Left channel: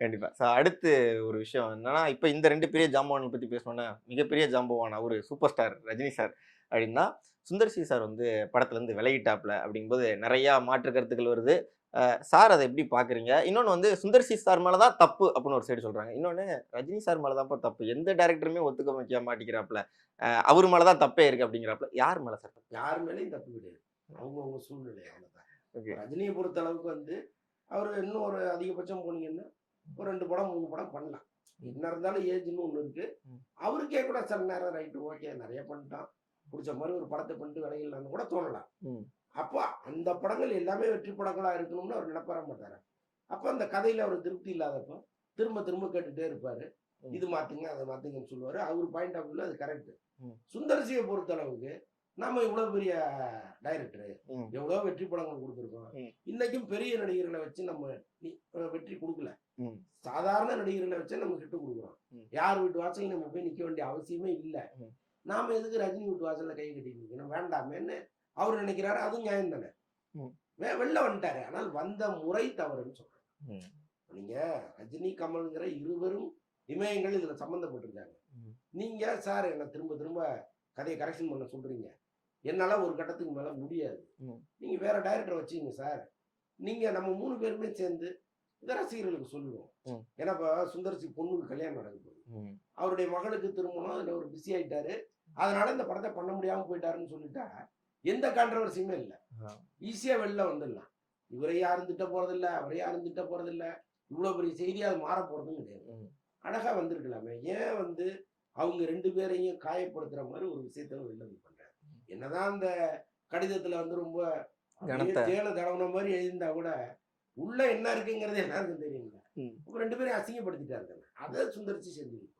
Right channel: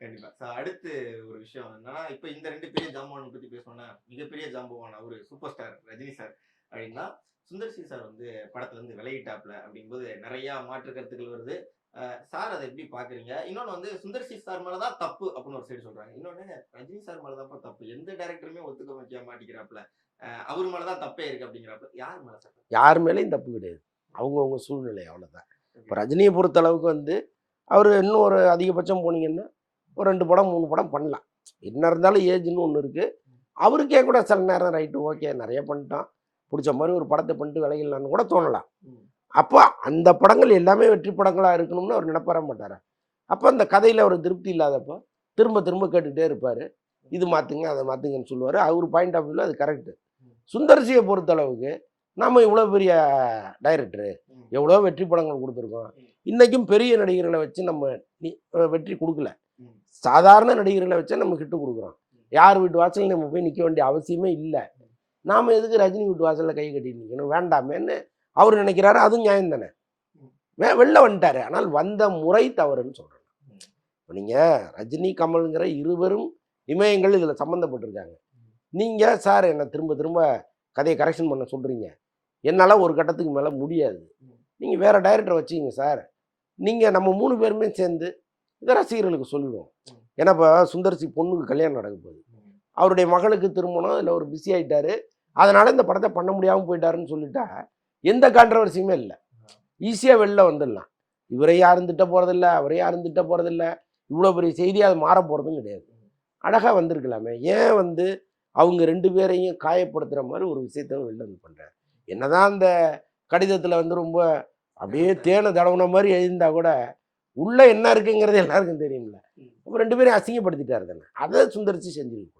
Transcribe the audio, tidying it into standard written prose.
கண்டிப்பா. அடுத்து ஒரு விஷயம் என்னன்னா, இப்ப இந்த 2 பெரிய ஜாம்பவான்கள பத்தி பேசணும்னா, மிகப்பெரிய ஜாம்பவான் அவரு சூப்பர் ஸ்டார் ரஜினி சார் அப்டின்னா, சுந்தர் சி சார் வந்து படத்துலருந்து விலகிட்டாப்ல அப்டிங்கும்போது நெறைய மாற்று கருத்துக்கள் வருது. சார் அத எப்டி பார்க்குறீங்க? இன்னொன்னு வந்து சுந்தர் சி சார் மேல தான் தப்பு அப்டின்னு ஒரு சைடு சொல்றாங்க. இன்னொன்னு ரஜினி சார் மேல தான்ப்பா தப்பு. எந்த டைரக்டருமே ஒத்துக்க வைக்க மாட்டேங்கிறாப்ல. அவரு மேல தான் தப்பே இருக்கு அப்டிங்கிறாப்ல. யார் மேல சார் தப்பு? யார் மேலயும் தப்பு கிடையாது. அவங்கவங்க சூழ்நிலை அவ்வளோதான். இப்ப ஓகே. ரஜினிய பொறுத்த அளவுக்கு வந்து, அவரு இன்னும் ஒரு அதிகபட்சம் போனீங்கன்னா, ஒரு 2 படம், 3 படம் பண்ணலாம். என்ன இருந்தாலும் ஏஜ்ன்னு ஒண்ணு இருக்கு. ம். அவருக்கே கூட சில நேரம் ரைட்டு ஓகே நெறைய பண்ணிட்டோம். புடிச்ச மாரி ஒரு படத்த பண்ணிட்டு விலகிடலான்னு கூட தோணலாம். ம். அப்ப அந்த படங்கள் எல்லாமே வெற்றி படங்களா இருக்கணும்னு அவர் நினைப்பாரா மாட்டாரா? அப்ப அந்த கதையில ஒரு திருப்தி இல்லாதப்போ, திரும்ப திரும்ப கேட்டுட்டே இருப்பாரு. ம். இது மாத்துங்க, அத மாத்துங்கன்னு சொல்லுவாரு. அவரு பாயிண்ட் ஆஃப் வியூல அது கரெக்ட். ம். சுந்தர்சிய பொறுத்த அளவுக்கு, நாம இவ்வளோ பெரிய டைரக்டரு, ம். எவ்வளோ வெற்றி படங்கள் குடுத்துருக்கோம். ம். இன்னைக்கும் பெரிய நடிகர்கள வச்சு நம்ம நி வெற்றி குடுக்கல. ம். சாதாரண நடிகர்கள வச்சே நம்ம ஹிட் குடுக்குறோம். ம். யார் வீட்டு வாசல்ல நம்ம போய் நிக்க வேண்டிய அவசியமே இல்ல. ம். நாம எதுக்கு ரஜினி வீட்டு வாசல்ல கை கட்டிட்டு நிக்கணும்? வேண்டாமேன்னு அவரு நினைக்கிறாரு. அதுவும் நியாயம் தானே. ம். வெளில வந்துட்டாரு. ஆனால் வந்த முறை தவறுன்னு சொல்றேன். ம். இப்ப நீங்க ரஜினி, கமல்ங்கிற இருவரும் இமயங்கள் இதுல சம்மந்தப்பட்டிருக்காங்க. ம். நீங்க சார் என்ன திரும்ப திரும்ப கதைய கரெக்ஷன் பண்ண சொல்றீங்க. என்னால ஒரு கட்டத்துக்கு மேல முடியாது. ம். நீங்க வேற டைரக்டர வச்சுக்கங்க சார். நீங்க நம்ம 3 பேருமே சேர்ந்து இத ரசிகர்களுக்கு சொல்லுவோம். ம். ஏன்னா இப்ப சுந்தர் சி பொண்ணுக்கு கல்யாணம் நடக்க போகுது. ம். அவருடைய மகளுக்கு திருமணம். இதுல ஒரு பிஸி ஆயிட்டாரு. அதனால இந்த படத்த பண்ண முடியாம போயிட்டாருன்னு சொல்லிட்டா, எந்த கான்ட்ரோவர்சியுமே இல்ல. ஆ. ஈஸியா வெளில வந்துடலாம். இவரை யாரும் திட்ட போறதில்ல, அவரை யாரும் திட்ட போறதில்ல. இவ்வளோ பெரிய செய்தியா அது மாற போறதும் கிடையாது. ம். அழகா வந்திருக்கலாமே. ஏன் வந்து அவங்க 2 பேரையும் காயப்படுத்துற மாரி ஒரு விஷயத்த வெளில வந்து பண்றாரு. என்னதான் அந்த கடிதத்துல வந்து ரொம்ப அப்படியே கனத்த தேன தடவுன மாரி எழுதியிருந்தா கூட, உள்ள என்ன இருக்குங்கிறது எல்லாருக்கும் தெரியும்ல. ம். அப்ப 2 பேரையும் அசிங்கப்படுத்திட்டாரு தானே. அத சுந்தர் சி செஞ்சிருக்கணும்.